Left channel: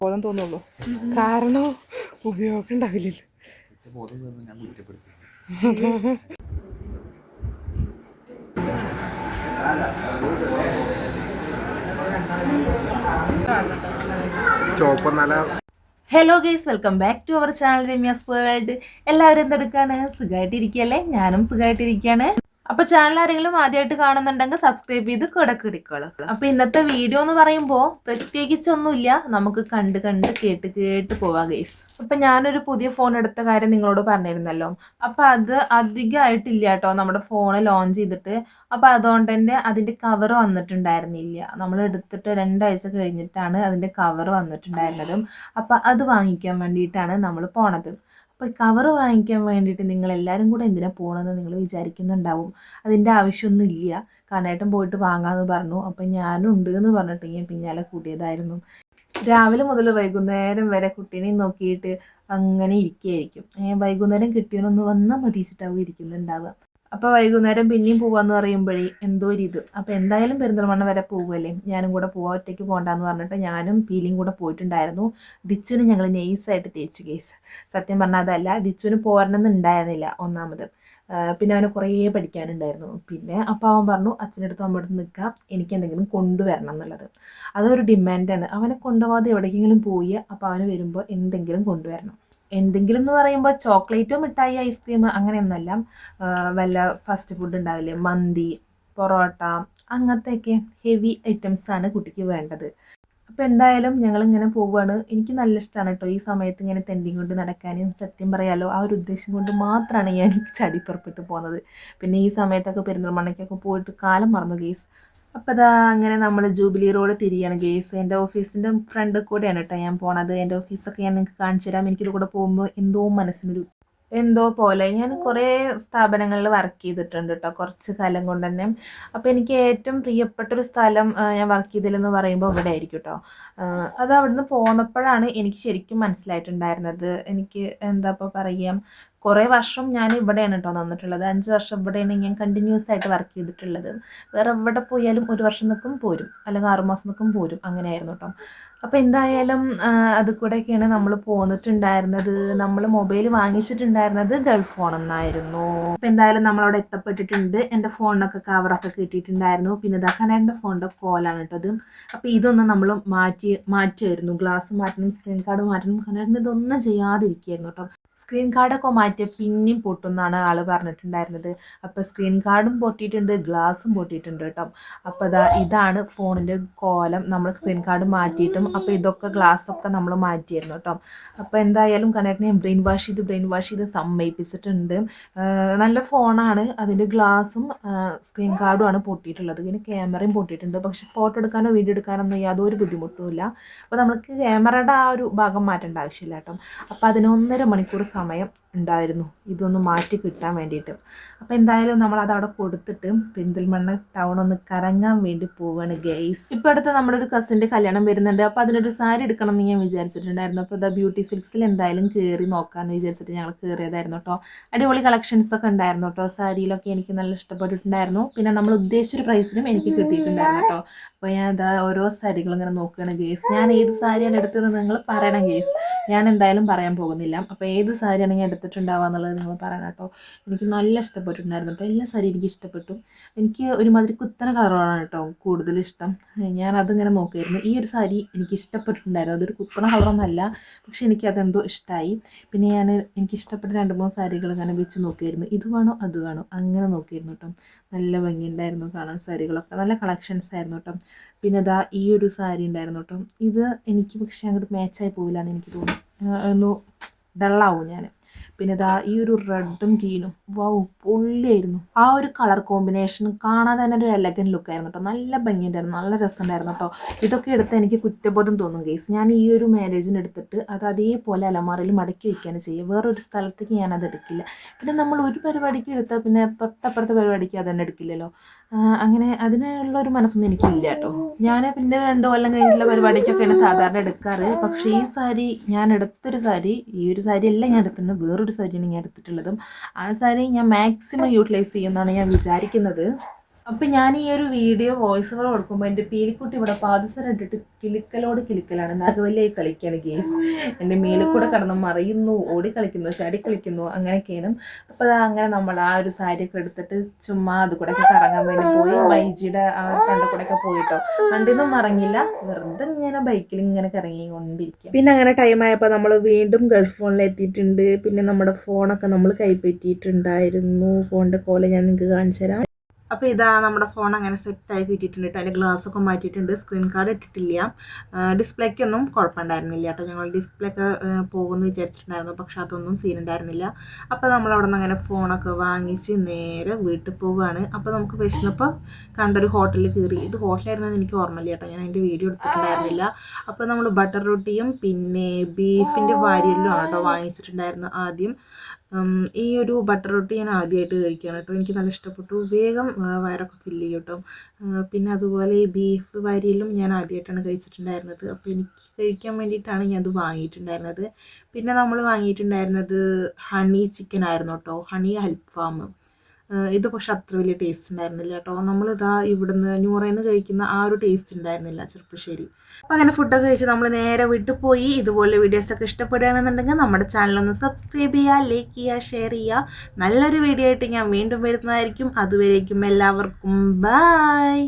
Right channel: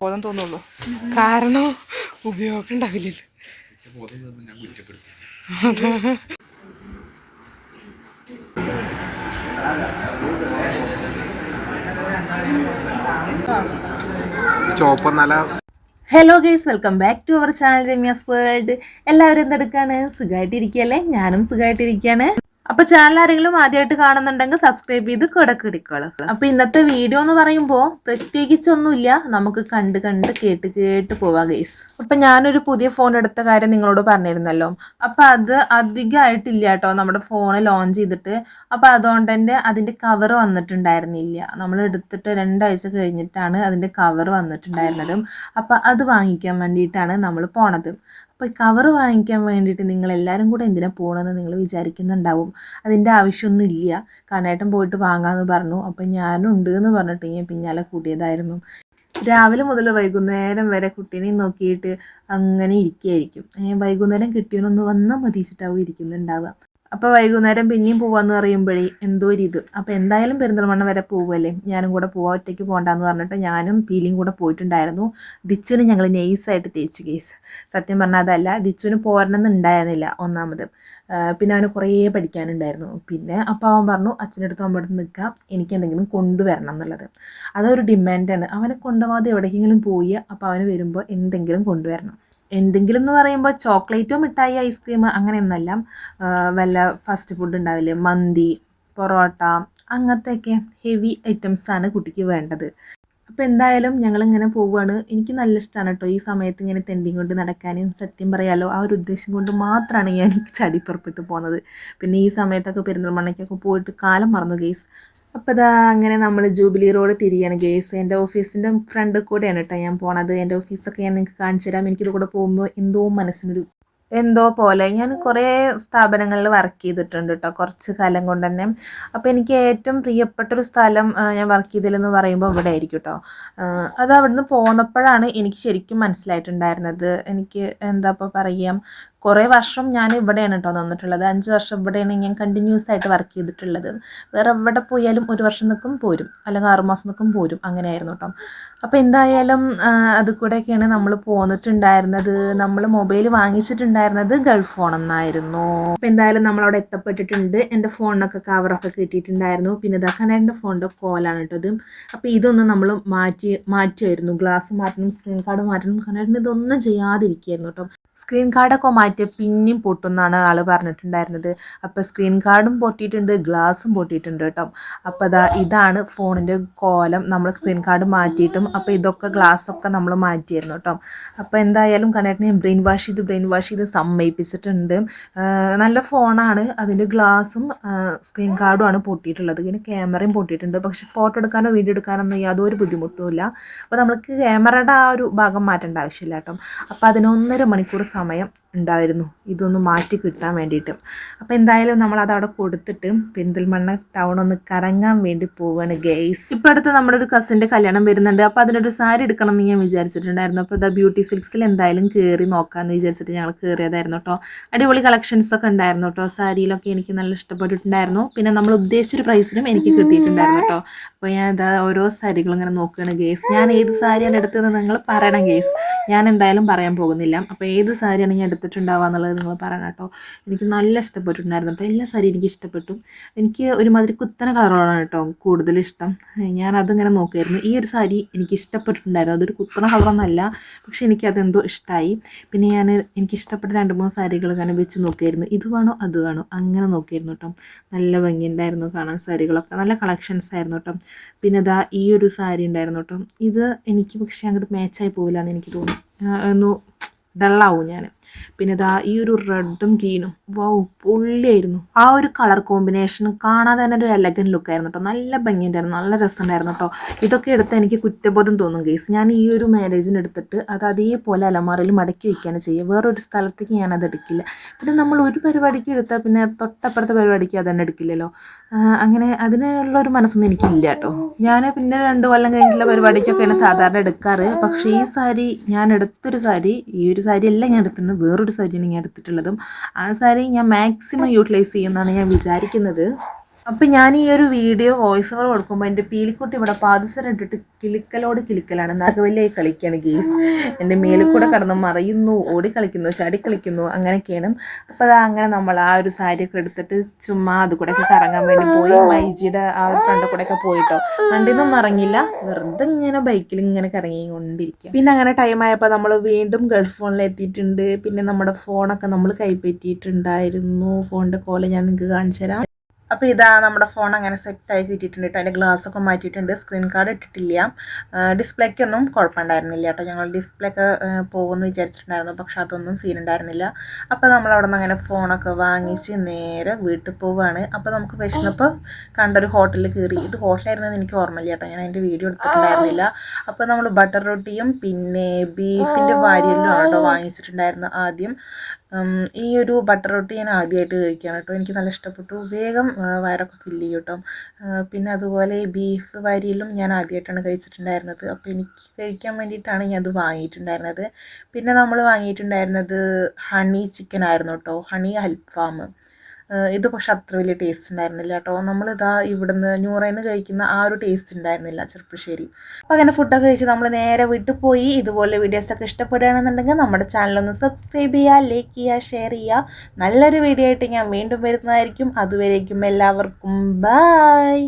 ബോധം തോന്നുള്ളൂ, കാരണം ഉപയോഗം ഉണ്ടാവില്ല. Hello guys, welcome back to our channel Ramya's world. എല്ലാവരും എന്തെടുക്കാണ്? സുഖമായിട്ടിരിക്കുകയല്ലേ? ഞാനും സുഖമായിട്ടിരിക്കുകയാണ്. അപ്പോൾ ചാനൽ ആരെങ്കിലും ആദ്യമായിട്ട് കാണുന്നുണ്ടെങ്കിൽ സബ്സ്ക്രൈബ് ചെയ്ത് കൂടെ ഇടിക്കോളൂ. അപ്പോൾ ഇന്നത്തെ വീഡിയോ എന്ന് പറയുമ്പോൾ പ്രത്യേകിച്ചൊന്നുമില്ല, നമുക്ക് കണ്ട് കേട്ട് പോവാം ഗൈസ്. അപ്പം ഞാനൊരു പുതിയ ഫോൺ എടുത്ത കാര്യം നിങ്ങളോട് പറഞ്ഞിരുന്നല്ലോ. അപ്പം അത് അധികമായിട്ടില്ല കേട്ടോ നമ്മുടെ ഫോൺ ലോഞ്ച് ചെയ്തിട്ട്. അപ്പം അതുകൊണ്ട് തന്നെ അതിൻ്റെ കവർ വന്നിട്ടുണ്ടായിരുന്നില്ല. നമ്മൾ എടുത്തിട്ട് 2 ആഴ്ച കഴിഞ്ഞിട്ടാണ് അതിൻ്റെ കവർ വന്നിട്ടുണ്ടായിരുന്നത്. അപ്പം അത് വാങ്ങിക്കാൻ വേണ്ടിയിട്ടാണ് നമ്മൾ പോണത്. അപ്പോൾ കവർ വാങ്ങിക്കാൻ വേണ്ടിയിട്ട് നിങ്ങളെല്ലാവരും കൂടെ എന്തിനാണ് പോകണമെന്ന് നിങ്ങൾ വിചാരിക്കുന്നുണ്ടാവും. അതിൻ്റെ ആവശ്യമൊന്നുമില്ല, കണ്ണേട്ടൻ പോയിട്ട് വാങ്ങാമെന്ന് പറഞ്ഞു. അപ്പം ഞാനും ഉണ്ട് എന്ന് പറഞ്ഞിട്ട് ഞാൻ പിന്നാലെ കൂട്ടിയതായിരുന്നു. രാവിലെ മുതൽ വൈകുന്നേരം വരെ കുട്ടീനെ നോക്കിയിട്ട് അങ്ങനെ ഇരിക്കുകയായിരിക്കും. വൈകുന്നേരം കിട്ടിയവനൊന്ന് വന്നാൽ മതിച്ചിട്ടാവും ഇരിക്കുന്നുണ്ടാവുക. അപ്പോൾ വൈകുന്നേരം പിന്നെയും പോവാന്ന് പറയുമ്പോഴേ എന്തോ ഒരു ഇത്. അപ്പോൾ എന്തായാലും പെരിന്തൽമണ്ണ വരെ പോവുമല്ലേ, ഞാനും കൂടെ പോവാം, ഒറ്റയ്ക്ക് പോകണ്ടെന്ന് പറഞ്ഞിട്ട് ഞാനും പീലിയും കൂടെ പോയിട്ടുണ്ടായിരുന്നു. ദിച്ചുവിന് ഞങ്ങൾ നെയ്സായിട്ട് തേച്ചു കേസ്. സത്യം പറഞ്ഞാൽ അതല്ല, ദിച്ചുവിന് പോരണമെന്നുണ്ടായിരുന്നില്ല ഒന്നാമത്. പിന്നെ അവന് കുറേ പഠിക്കാനുണ്ടായിരുന്നു. പിന്നെ അപ്പോൾ അവൻ പറഞ്ഞു അച്ഛനടുത്ത് അമ്മടുത്ത് നിൽക്കാം, എനിക്ക് എന്തെങ്കിലും കൊണ്ടുവരണം എന്നുള്ളത്. അതൊരു ഡിമാൻഡാണ്. അവനെ കൊണ്ടുപോകാതെ എവിടേക്കെങ്കിലും പോയി അപ്പോൾ അവന് വരുമ്പോൾ എന്തെങ്കിലും കൊണ്ടുവരണം. എന്തെങ്കിലും എന്ന് പറയുമ്പോൾ ചോക്ലേറ്റോ മിഠായി ഐസ്ക്രീം അങ്ങനെയൊന്നല്ല, വല്ല ഫാസ്റ്റ് ഫുഡ് ഉണ്ടാവില്ലേ, മന്തി, പൊറോട്ട, അങ്ങനത്തെയൊക്കെ ഹെവി ഐറ്റംസാണ് കുട്ടിക്ക് വേണ്ടത്. അപ്പോൾ എന്തായാലും ഞങ്ങളിങ്ങനെ പോവുകയാണ്. എനിക്ക് നല്ല ഇഷ്ടമാണ് കേട്ടോ ഈ സമയത്ത് ഇങ്ങനെ തെണ്ടിയും കൊണ്ട് നടക്കാനും. സത്യം പറയാമല്ലോ, ആ ഒരു ഉദ്ദേശം കൊണ്ട് മാത്രമാണ് ഞാൻ ചടി പുറപ്പെട്ട് പോകുന്നത്. പിന്നെ ഈ സമയത്തൊക്കെ പെരിന്തൽമണ്ണയ്ക്കൊക്കെ പോയിട്ട് കാലം മറന്നു ഗേസ്. അപ്പോൾ അതാ അങ്ങനെ നമ്മൾ ജൂബിലി റോഡ് തിരിയാണ് ഗേസ്. എൻ്റെ ഓഫീസിൻ്റെ ഫ്രണ്ട് കൂടെയാണ് കേട്ടോ ഞാൻ പോണത്. എൻ്റെ ഓഫീസൊക്കെ ഞാൻ നിങ്ങൾക്ക് കാണിച്ചു തരാം. എനിക്കിത് കൂടെ പോകുമ്പോൾ എന്തോ പോലെ. ഞാൻ കുറേ സ്ഥാപനങ്ങളിൽ വർക്ക് ചെയ്തിട്ടുണ്ട് കേട്ടോ കുറച്ച് കാലം കൊണ്ട് തന്നെ. അപ്പോൾ എനിക്ക് ഏറ്റവും പ്രിയപ്പെട്ടൊരു സ്ഥലം ഞാൻ വർക്ക് ചെയ്തതെന്ന് പറയുമ്പോൾ ഇവിടെ ആയിരിക്കും കേട്ടോ. അത് അവിടുന്ന് പോന്നപ്പോഴാണ് എനിക്ക് ശരിക്കും മനസ്സിലായിട്ടുണ്ടായിരുന്നത്. എനിക്ക് എന്താ ഇപ്പോൾ പറയുക, കുറേ വർഷം ഞാൻ ഇവിടെയാണ് കേട്ടോ നിന്നിട്ടുള്ളത്. 5 വർഷം ഇവിടെയാണ് ഞാൻ കണ്ടിന്യൂസ് ആയിട്ട് വർക്ക് ചെയ്തിട്ടുള്ളത്. വേറെ എവിടെ പോയാലും 1 വർഷം നിൽക്കും പോരും, അല്ലെങ്കിൽ 6 മാസം നിൽക്കും പോരും, അങ്ങനെയായിരുന്നു കേട്ടോ. അപ്പോൾ എന്തായാലും അത് കൂടെയൊക്കെയാണ് നമ്മൾ പോന്നിട്ടുണ്ടായിരുന്നത്. നമ്മൾ മൊബൈൽ വാങ്ങിച്ചിട്ടുണ്ടായിരുന്നത് ഗൾഫ് ഫോണെന്നായിരുന്നു. അപ്പോൾ എന്തായാലും നമ്മളവിടെ എത്തപ്പെട്ടിട്ടുണ്ട്. എൻ്റെ ഫോണിനൊക്കെ കവറൊക്കെ കിട്ടിയിട്ടുണ്ടായിരുന്നു. പിന്നെ ഇതാക്കാൻ എൻ്റെ ഫോണിൻ്റെ കോലാണ് കേട്ടത്. അപ്പോൾ ഇതൊന്നും നമ്മൾ മാറ്റുമായിരുന്നു. ഗ്ലാസ് മാറ്റണം, സ്ക്രീൻ കാർഡ് മാറ്റണം. കാരണം ഇതൊന്നും ചെയ്യാതിരിക്കുകയായിരുന്നു കേട്ടോ. സ്ക്രീൻ കാർഡൊക്കെ മാറ്റിയ പിന്നെയും പൊട്ടുമെന്നാണ് ആൾ പറഞ്ഞിട്ടുണ്ടായിരുന്നത്. അപ്പോൾ സ്ക്രീൻ കാർഡും പൊട്ടിയിട്ടുണ്ട്, ഗ്ലാസും പൊട്ടിയിട്ടുണ്ട് കേട്ടോ. അപ്പോൾ ഇതാണ് ഫോണിൻ്റെ കോലം. നമ്മൾ സ്ക്രീൻ കാർഡ് മാറ്റിയിട്ടും അപ്പോൾ ഇതൊക്കെ ഗ്ലാസ്സൊക്കെ നമ്മൾ മാറ്റിയായിരുന്നു കേട്ടോ. അപ്പോൾ എന്തായാലും കണ്ണേട്ടനെ ബ്രെയിൻ വാഷ് ചെയ്ത് സമ്മതിപ്പിച്ചിട്ടുണ്ട്. നല്ല ഫോണാണ്, അതിൻ്റെ ഗ്ലാസും സ്ക്രീൻ കാർഡുമാണ് പൊട്ടിയിട്ടുള്ളത്. ഇങ്ങനെ ക്യാമറയും പൊട്ടിയിട്ടുണ്ട്. പക്ഷേ ഫോട്ടോ എടുക്കാനോ വീഡിയോ എടുക്കാനോ ഒന്നും യാതൊരു ബുദ്ധിമുട്ടുമില്ല. അപ്പോൾ നമുക്ക് ക്യാമറയുടെ ആ ഒരു ഭാഗം മാറ്റേണ്ട ആവശ്യമില്ല കേട്ടോ. അപ്പോൾ അതിന് 1.5 മണിക്കൂർ സമയം ഉണ്ടായിരുന്നു ഇതൊന്ന് മാറ്റി കിട്ടാൻ വേണ്ടിയിട്ട്. അപ്പോൾ എന്തായാലും നമ്മളത് അവിടെ കൊടുത്തിട്ട് പെരിന്തൽമണ്ണ ടൗൺ ഒന്ന് കറങ്ങാൻ വേണ്ടി പോവുകയാണ് ഗൈസ്. ഇപ്പോൾ അടുത്ത് നമ്മുടെ ഒരു കസിൻ്റെ കല്യാണം വരുന്നുണ്ട്. അപ്പോൾ അതിനൊരു സാരി എടുക്കണം എന്ന് ഞാൻ വിചാരിച്ചിട്ടുണ്ടായിരുന്നു. അപ്പോൾ ബ്യൂട്ടി സിൽക്സിൽ എന്തായാലും കയറി നോക്കാമെന്ന് വിചാരിച്ചിട്ട് ഞങ്ങൾ കയറിയതായിരുന്നു കേട്ടോ. അടിപൊളി കളക്ഷൻസൊക്കെ ഉണ്ടായിരുന്നു കേട്ടോ. സാരിയിലൊക്കെ എനിക്ക് നല്ല ഇഷ്ടപ്പെട്ടിട്ടുണ്ടായിരുന്നു. പിന്നെ നമ്മൾ ഉദ്ദേശിച്ചൊരു പ്രൈസിനും എനിക്ക് കിട്ടിയിട്ടുണ്ടായിരുന്നു കേട്ടോ. അപ്പോൾ ഞാൻ ഓരോ സാരികളും ഇങ്ങനെ നോക്കുകയാണ് ഗേസ്. ഞാൻ ഏത് സാരിയാണ് എടുത്തതെന്ന് നിങ്ങൾ പറയണം ഗേസ്. ഞാൻ എന്തായാലും പറയാൻ പോകുന്നില്ല. അപ്പോൾ ഏത് സാരിയാണ് ഞാൻ എടുത്തിട്ടുണ്ടാവുക എന്നുള്ളത് നിങ്ങൾ പറയണം കേട്ടോ. എനിക്ക് നല്ല ഇഷ്ടപ്പെട്ടിട്ടുണ്ടായിരുന്നു കേട്ടോ. എല്ലാ സാരി എനിക്ക് ഇഷ്ടപ്പെട്ടു. എനിക്ക് ഒരുമാതിരി കുത്തന കളറുകളാണ് കേട്ടോ കൂടുതൽ ഇഷ്ടം. ഞാനതിങ്ങനെ നോക്കുമായിരുന്നു. ഈ ഒരു സാരി എനിക്ക് ഇഷ്ടപ്പെട്ടിട്ടുണ്ടായിരുന്നു. അതൊരു കുത്തന കളറൊന്നുമല്ല, പക്ഷേ എനിക്കതെന്തോ ഇഷ്ടമായി. പിന്നെ എനിക്ക് ഇഷ്ടപ്പെട്ട 2-3 സാരികൾ ഇങ്ങനെ വെച്ച് നോക്കിയായിരുന്നു. ഇത് വേണോ അത് വേണോ അങ്ങനെ നോക്കിയായിരുന്നു കേട്ടോ. നല്ല ഭംഗിയുണ്ടായിരുന്നു കാണാൻ. സാരികളൊക്കെ നല്ല കളക്ഷൻസ് ആയിരുന്നു കേട്ടോ. പിന്നെ ഈ ഒരു സാരി ഉണ്ടായിരുന്നു കേട്ടോ. ഇത് എനിക്ക് പക്ഷേ അങ്ങോട്ട് മാച്ചായി പോവില്ല എന്ന് എനിക്ക് തോന്നുന്നു. ഒന്ന് ഡള്ളാവും ഞാൻ. പിന്നെ ഈ ഒരു റെഡും ഗ്രീനും വൗ പൊള്ളിയായിരുന്നു. ആ ഒരു കളർ കോമ്പിനേഷൻ കാണാതെ തന്നെ ഒരു എലഗൻ ലുക്കായിരുന്നു കേട്ടോ. നല്ല ഭംഗിയുണ്ടായിരുന്നു, നല്ല രസമുണ്ടായിരുന്നു കേട്ടോ. ഇതൊക്കെ എടുത്ത് എനിക്ക് കുറ്റബോധം തോന്നും ഗൈസ്. ഞാൻ ഈ ഒരു മാരേജിന് എടുത്തിട്ട് അത് അതേപോലെ അലമാരയിൽ മടക്കി വയ്ക്കുകയാണ് ചെയ്യുക. വേറൊരു സ്ഥലത്തേക്ക് ഞാനത് എടുക്കില്ല. പിന്നെ നമ്മൾ ഒരു പരിപാടിക്ക് എടുത്താൽ പിന്നെ തൊട്ടപ്പുറത്തെ പരിപാടിക്ക് അതന്നെ എടുക്കില്ലല്ലോ. അങ്ങനെ അതിനുള്ളൊരു മനസ്സൊന്നും എനിക്കില്ല കേട്ടോ. ഞാൻ പിന്നെ 2 കൊല്ലം കഴിഞ്ഞിട്ടുള്ള പരിപാടിക്കൊക്കെയാണ് സാധാരണ എടുക്കാറ്. പക്ഷേ ഈ സാരി ഞാൻ എടുത്തൊരു സാരി, ഈ ഒരു സാരി അല്ല ഞാൻ എടുത്തിരുന്നത്, വേറൊരു ഒരു സാരിയാണ് ഞാൻ എടുത്തിട്ടുള്ളതും. ആ സാരി ഞാൻ മാക്സിമം യൂട്ടിലൈസ് ചെയ്യുമെന്നാണ് ഞാൻ വിചാരിക്കുന്നത്. അപ്പം ഞാൻ ഈ ഒരു വീഡിയോ വോയിസ് ഓവർ കൊടുക്കുമ്പോൾ എൻ്റെ പീലിക്കുട്ടി ഇവിടെ പാദസരം ഇട്ടിട്ട് കിലുക്കലാണ്. നാഗവല്ലിയായി കളിക്കുകയാണ് ഗേസ്. എൻ്റെ മേലിൽ കൂടെ കിടന്ന് മറയുന്നു, ഓടി കളിക്കുന്നു, ചാടി കളിക്കുന്നു, അങ്ങനെയൊക്കെയാണ്. അപ്പോൾ അത് അങ്ങനെ നമ്മൾ ആ ഒരു സാരിയൊക്കെ എടുത്തിട്ട് ചുമ്മാ അത് കൂടെയൊക്കെ കറങ്ങാൻ വേണ്ടി പോയി. മൈജിയുടെ ആ ഒരു ഫ്രണ്ട് കൂടെയൊക്കെ പോയിട്ടോ. ഫ്രണ്ടിന്നൊന്നും ഇറങ്ങില്ല, വെറുതെ ഇങ്ങനെ ബൈക്കിൽ ഇങ്ങനെ കറങ്ങിക്കൊണ്ടിരിക്കുക. പിന്നെ അങ്ങനെ ടൈമായപ്പോൾ നമ്മൾ വീണ്ടും ഗൾഫ് ഫോണിൽ എത്തിയിട്ടുണ്ട്. പിന്നെ നമ്മുടെ ഫോണൊക്കെ നമ്മൾ കൈപ്പറ്റിയിട്ടുണ്ടായിരുന്നു. ഫോണിൻ്റെ കോല ഞാൻ നിങ്ങൾക്ക് കാണിച്ചു തരാം. അപ്പോൾ ഇതാ നമ്മുടെ ഫോൺ അങ്ങനെ സെറ്റായി കിട്ടിയിട്ടുണ്ട് കേട്ടോ. അതിൻ്റെ ഗ്ലാസ്സൊക്കെ മാറ്റിയിട്ടുണ്ട്, സ്ക്രീൻ കാർഡ് ഇട്ടിട്ടില്ല. ഡിസ്പ്ലേക്കൊന്നും കുഴപ്പമുണ്ടായിരുന്നില്ല കേട്ടോ. ഞങ്ങൾ ഡിസ്പ്ലേ ഒക്കെ പോകുമെന്ന് വിചാരിച്ചിട്ടുണ്ടായിരുന്നു, പക്ഷെ അതൊന്നും സീനുണ്ടായിരുന്നില്ല. അപ്പോൾ നമ്മൾ അവിടെ നിന്ന് അങ്ങനെ ഫോണൊക്കെ വാങ്ങിച്ച് നേരെ വീട്ടിൽ പോവുകയാണ്. അപ്പോൾ നമുക്ക് വിശന്നപ്പോൾ കണ്ടൊരു ഹോട്ടലിൽ കയറി. ഇത് ഹോട്ടലായിരുന്നെന്ന് എനിക്ക് ഓർമ്മയില്ല കേട്ടോ, ഞാൻ അതിൻ്റെ വീഡിയോ എടുത്തിട്ടുണ്ടായിരുന്നില്ല. അപ്പോൾ നമ്മൾ ബട്ടർ റൊട്ടിയും പിന്നെ ബീഫിൻ്റെ വാരിയല്ലുമാണ് കേട്ടോ വാങ്ങിച്ചിട്ടുണ്ടായിരുന്നു ആദ്യം. ഈ ഒരു ബട്ടർ റൊട്ടി ഞാൻ ആദ്യമായിട്ട് കഴിക്കുകയാണ് കേട്ടോ. എനിക്ക് നല്ല ഇഷ്ടപ്പെട്ടു, വേഗം വയറൊക്കെ ഫില്ല് ചെയ്യും കേട്ടോ. പിന്നെ അതുപോലെ ഈ ബീഫ് വാരിയിലും ഞാൻ ആദ്യമായിട്ടാണ് കഴിച്ചിട്ടുണ്ടായിരുന്നത്. അപ്പോൾ എനിക്ക് കഴിക്കാൻ വേണ്ടിയിട്ടാണ് ഞാൻ അത് വാങ്ങിയിട്ടുണ്ടായിരുന്നത്. പിന്നെ നമ്മൾ വാങ്ങിയിട്ടുണ്ടായിരുന്നത് ഹണി ചിക്കൻ ആയിരുന്നു കേട്ടോ, ഹണി അൽഫാം. ഇത് പക്ഷെ അത്ര വലിയ ടേസ്റ്റ് ഉണ്ടായിരുന്നില്ല കേട്ടോ. നമ്മളിതാ ഇവിടുന്ന് ന്യൂറയിൽ നിന്ന് കഴിക്കുന്ന ആ ഒരു ടേസ്റ്റ് ഉണ്ടായിരുന്നില്ല ചെറുപ്പശ്ശേരി. അപ്പോൾ അങ്ങനെ ഫുഡൊക്കെ കഴിച്ച് നമ്മൾ നേരെ വീട്ടിൽ പോയി. ഇതുപോലെ വീഡിയോസൊക്കെ ഇഷ്ടപ്പെടുകയാണെന്നുണ്ടെങ്കിൽ നമ്മുടെ ചാനലൊന്ന് സബ്സ്ക്രൈബ് ചെയ്യുക, ലൈക്ക് ചെയ്യുക, ഷെയർ ചെയ്യുക. നല്ലൊരു വീഡിയോ ആയിട്ട് ഞാൻ വീണ്ടും വരുന്നതായിരിക്കും. അതുവരേക്കും എല്ലാവർക്കും ബൈ.